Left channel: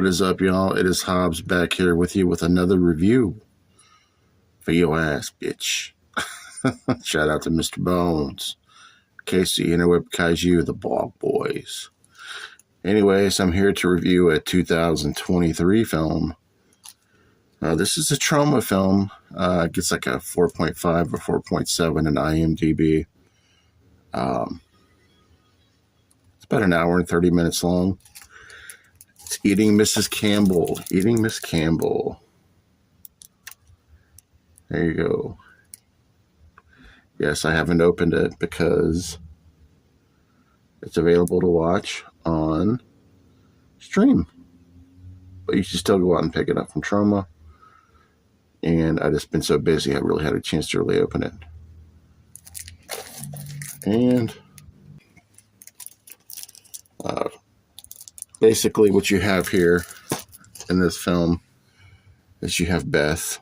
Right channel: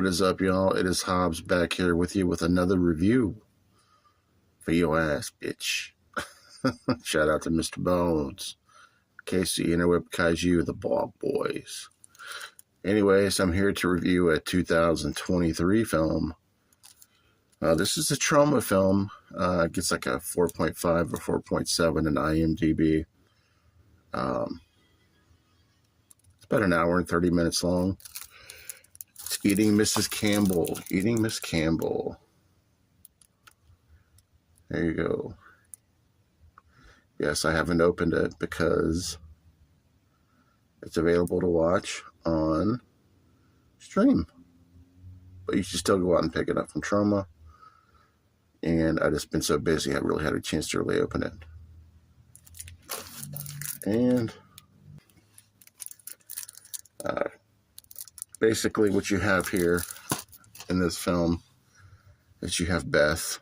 What is up, y'all? It is Hobbs back here with you with another review for your ass, bitch. Shout out to Mr. Bones, Casey, Interweb Kaiju, the Bog Boys. Anyways, I'm here to review a 2023 film. This is a Troma film. It gets like a 4.5 or 4.7 in IMDb. It's about an hour and 30 minutes long. It's Eating Mrs. Campbell. Eating Miss Campbell. There you go. Yes, I haven't opened it because it's available to watch on stream. But you should still go out and pick it up from Troma. And I've just been so busy, I really had a chance to really open it. And basically what you have here in this film is you have Beth.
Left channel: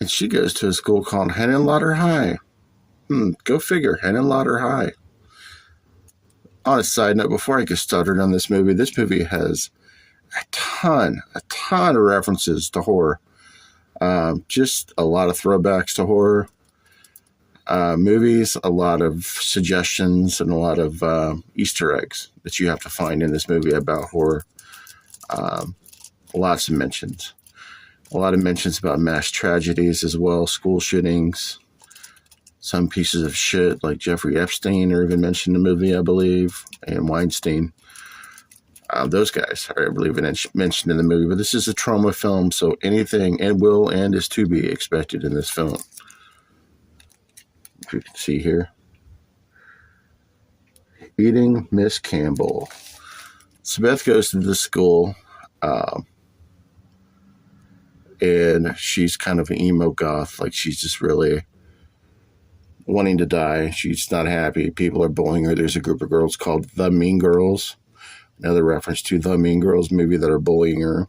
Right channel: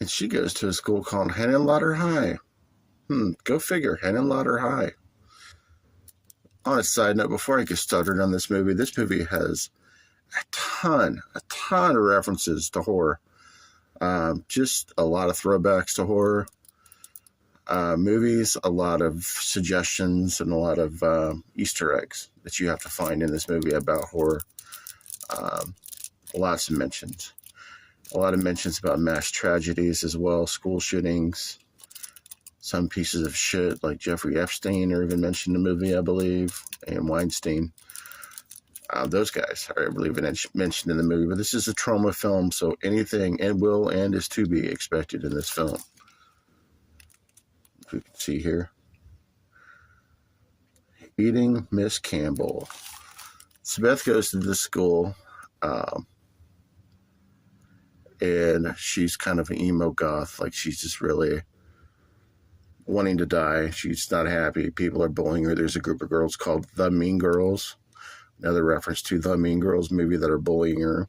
And she goes to a school called Henenlotter High. Go figure, Henenlotter High. On a side note, before I get started on this movie has a ton of references to horror. Just a lot of throwbacks to horror movies, a lot of suggestions, and a lot of Easter eggs that you have to find in this movie about horror. Lots of mentions. A lot of mentions about mass tragedies as well, school shootings, some pieces of shit like Jeffrey Epstein are even mentioned in the movie, I believe, and Weinstein. Those guys are, I believe, mentioned in the movie. But this is a Troma film, so anything and is to be expected in this film. If you can see here. Eating Miss Campbell. So Beth goes to this school, and she's kind of an emo goth. Like, she's just really wanting to die. She's not happy. People are bullying her. There's a group of girls called the Mean Girls. Another reference to the Mean Girls movie that are bullying her.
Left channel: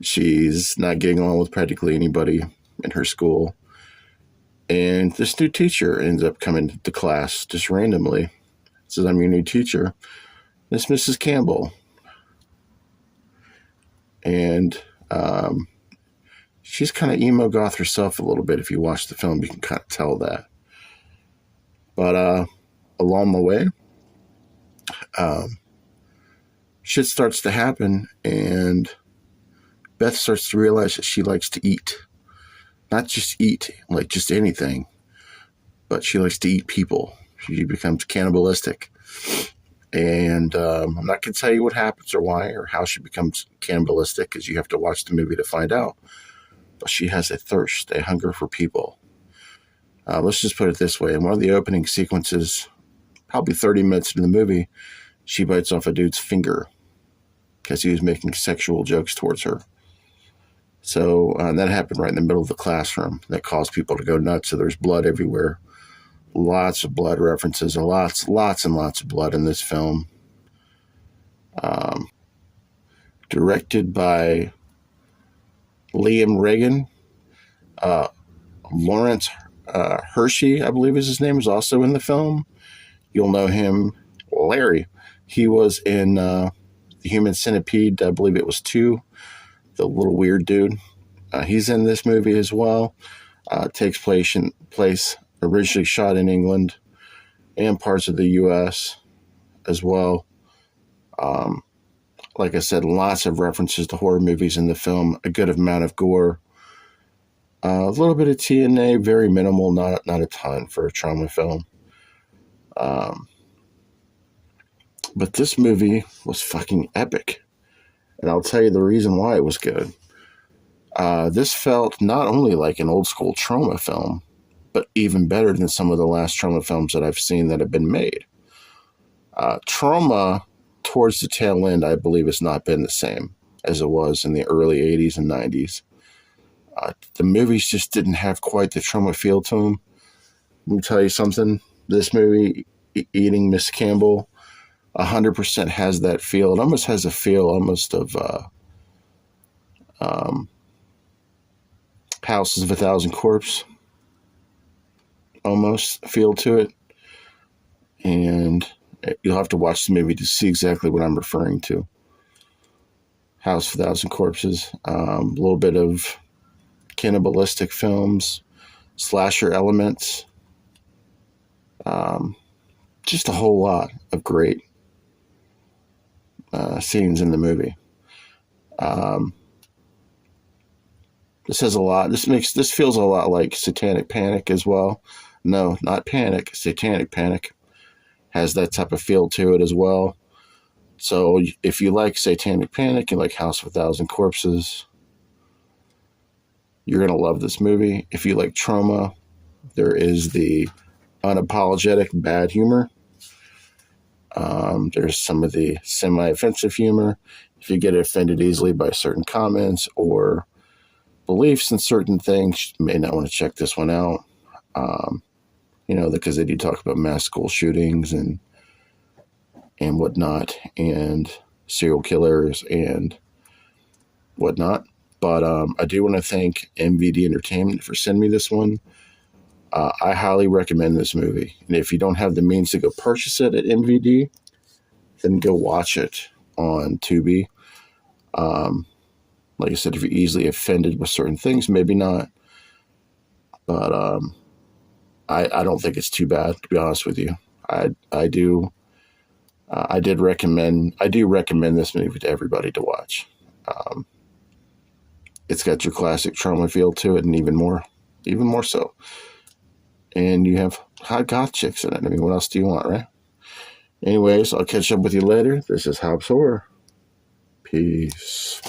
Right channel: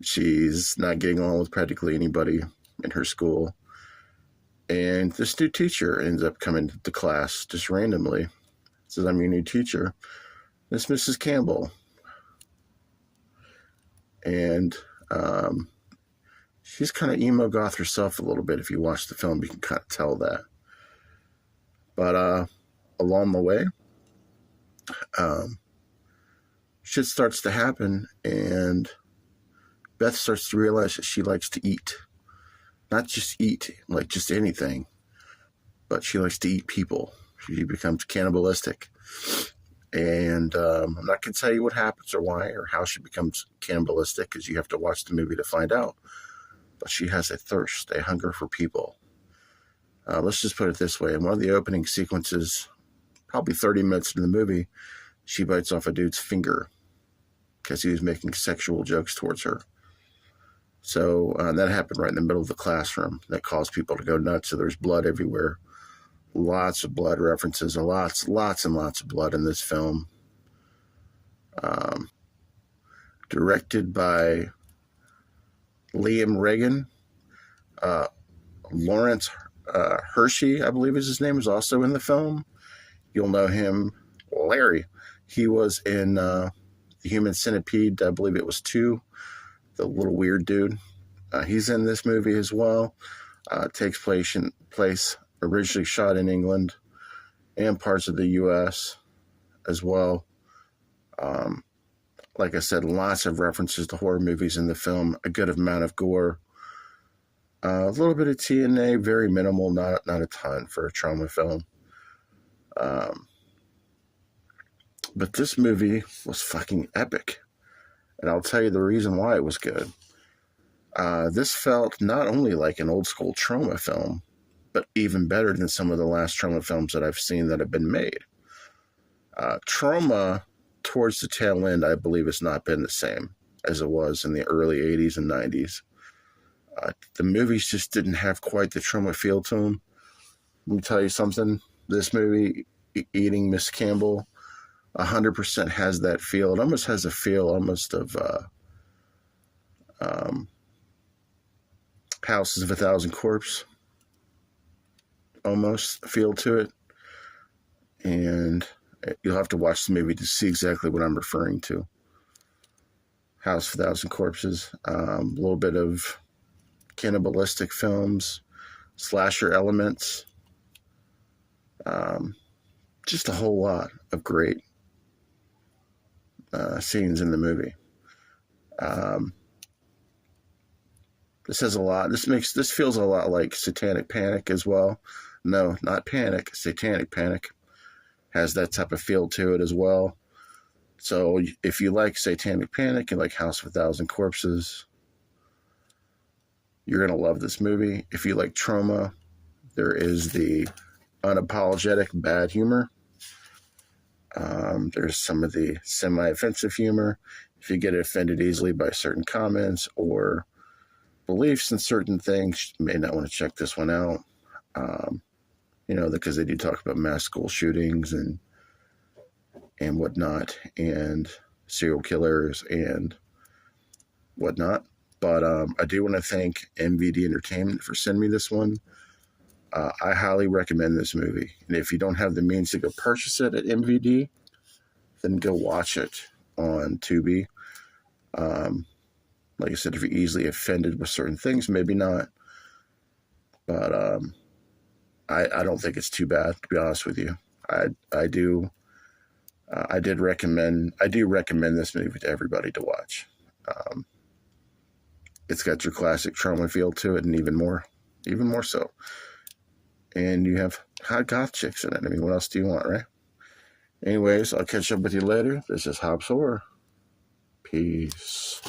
She's not getting along with practically anybody in her school. And this new teacher ends up coming to class just randomly. Says, "I'm your new teacher. This Mrs. Campbell." And she's kind of emo goth herself a little bit. If you watch the film, you can kind of tell that. But along the way, shit starts to happen, and Beth starts to realize that she likes to eat. Not just eat, like just anything, but she likes to eat people. She becomes cannibalistic. And I'm not going to tell you what happens or why or how she becomes cannibalistic, because you have to watch the movie to find out. But she has a thirst, a hunger for people. Let's just put it this way. In one of the opening sequences, probably 30 minutes into the movie, she bites off a dude's finger because he was making sexual jokes towards her. So that happened right in the middle of the classroom. That caused people to go nuts. So there's blood everywhere. Lots of blood references, and lots and lots of blood in this film. Directed by Liam Regan. Lawrence Hershey, I believe is his name, is also in the film. You'll know him, Larry. He was in The Human Centipede, I believe it was 2. The little weird dude. He's in this movie as well. Takes place originally shot in England and parts of the U.S. as well. Like I said, lots of references to horror movies in the film. A good amount of gore. A little bit of TNA, very minimal, not a ton for a Troma film. But this movie was fucking epic. And I'll tell you the reason why it was good. This felt not only like an old school Troma film, but even better than some of the last Troma films that I've seen that have been made. Troma, towards the tail end, I believe has not been the same as it was in the early 80s and 90s. The movies just didn't have quite the Troma feel to them. Let me tell you something. This movie, Eating Miss Campbell, 100% has that feel. It almost has a feel almost of Houses of a Thousand Corpse. Almost feel to it. And You'll have to watch the movie to see exactly what I'm referring to. House of a Thousand Corpses. A little bit of cannibalistic films, slasher elements. Just a whole lot of great scenes in the movie. This has a lot. This feels a lot like Satanic Panic as well. No, not Panic. Satanic Panic has that type of feel to it as well. So if you like Satanic Panic and like House of a Thousand Corpses, you're gonna love this movie. If you like Troma, there is the unapologetic bad humor. There's some of the semi-offensive humor. If you get offended easily by certain comments or beliefs in certain things, you may not want to check this one out. Because they do talk about mass school shootings and whatnot, and serial killers and whatnot. But I do want to thank MVD Entertainment for sending me this one. I highly recommend this movie. And if you don't have the means to go purchase it at MVD, then go watch it on Tubi. Like I said, if you're easily offended with certain things, maybe not. But I don't think it's too bad, to be honest with you. I do recommend this movie to everybody to watch. It's got your classic Troma feel to it, and even more so. And you have hot goth chicks in it. I mean, what else do you want, right? Anyways, I'll catch up with you later. This is Hobbs Horror. Peace.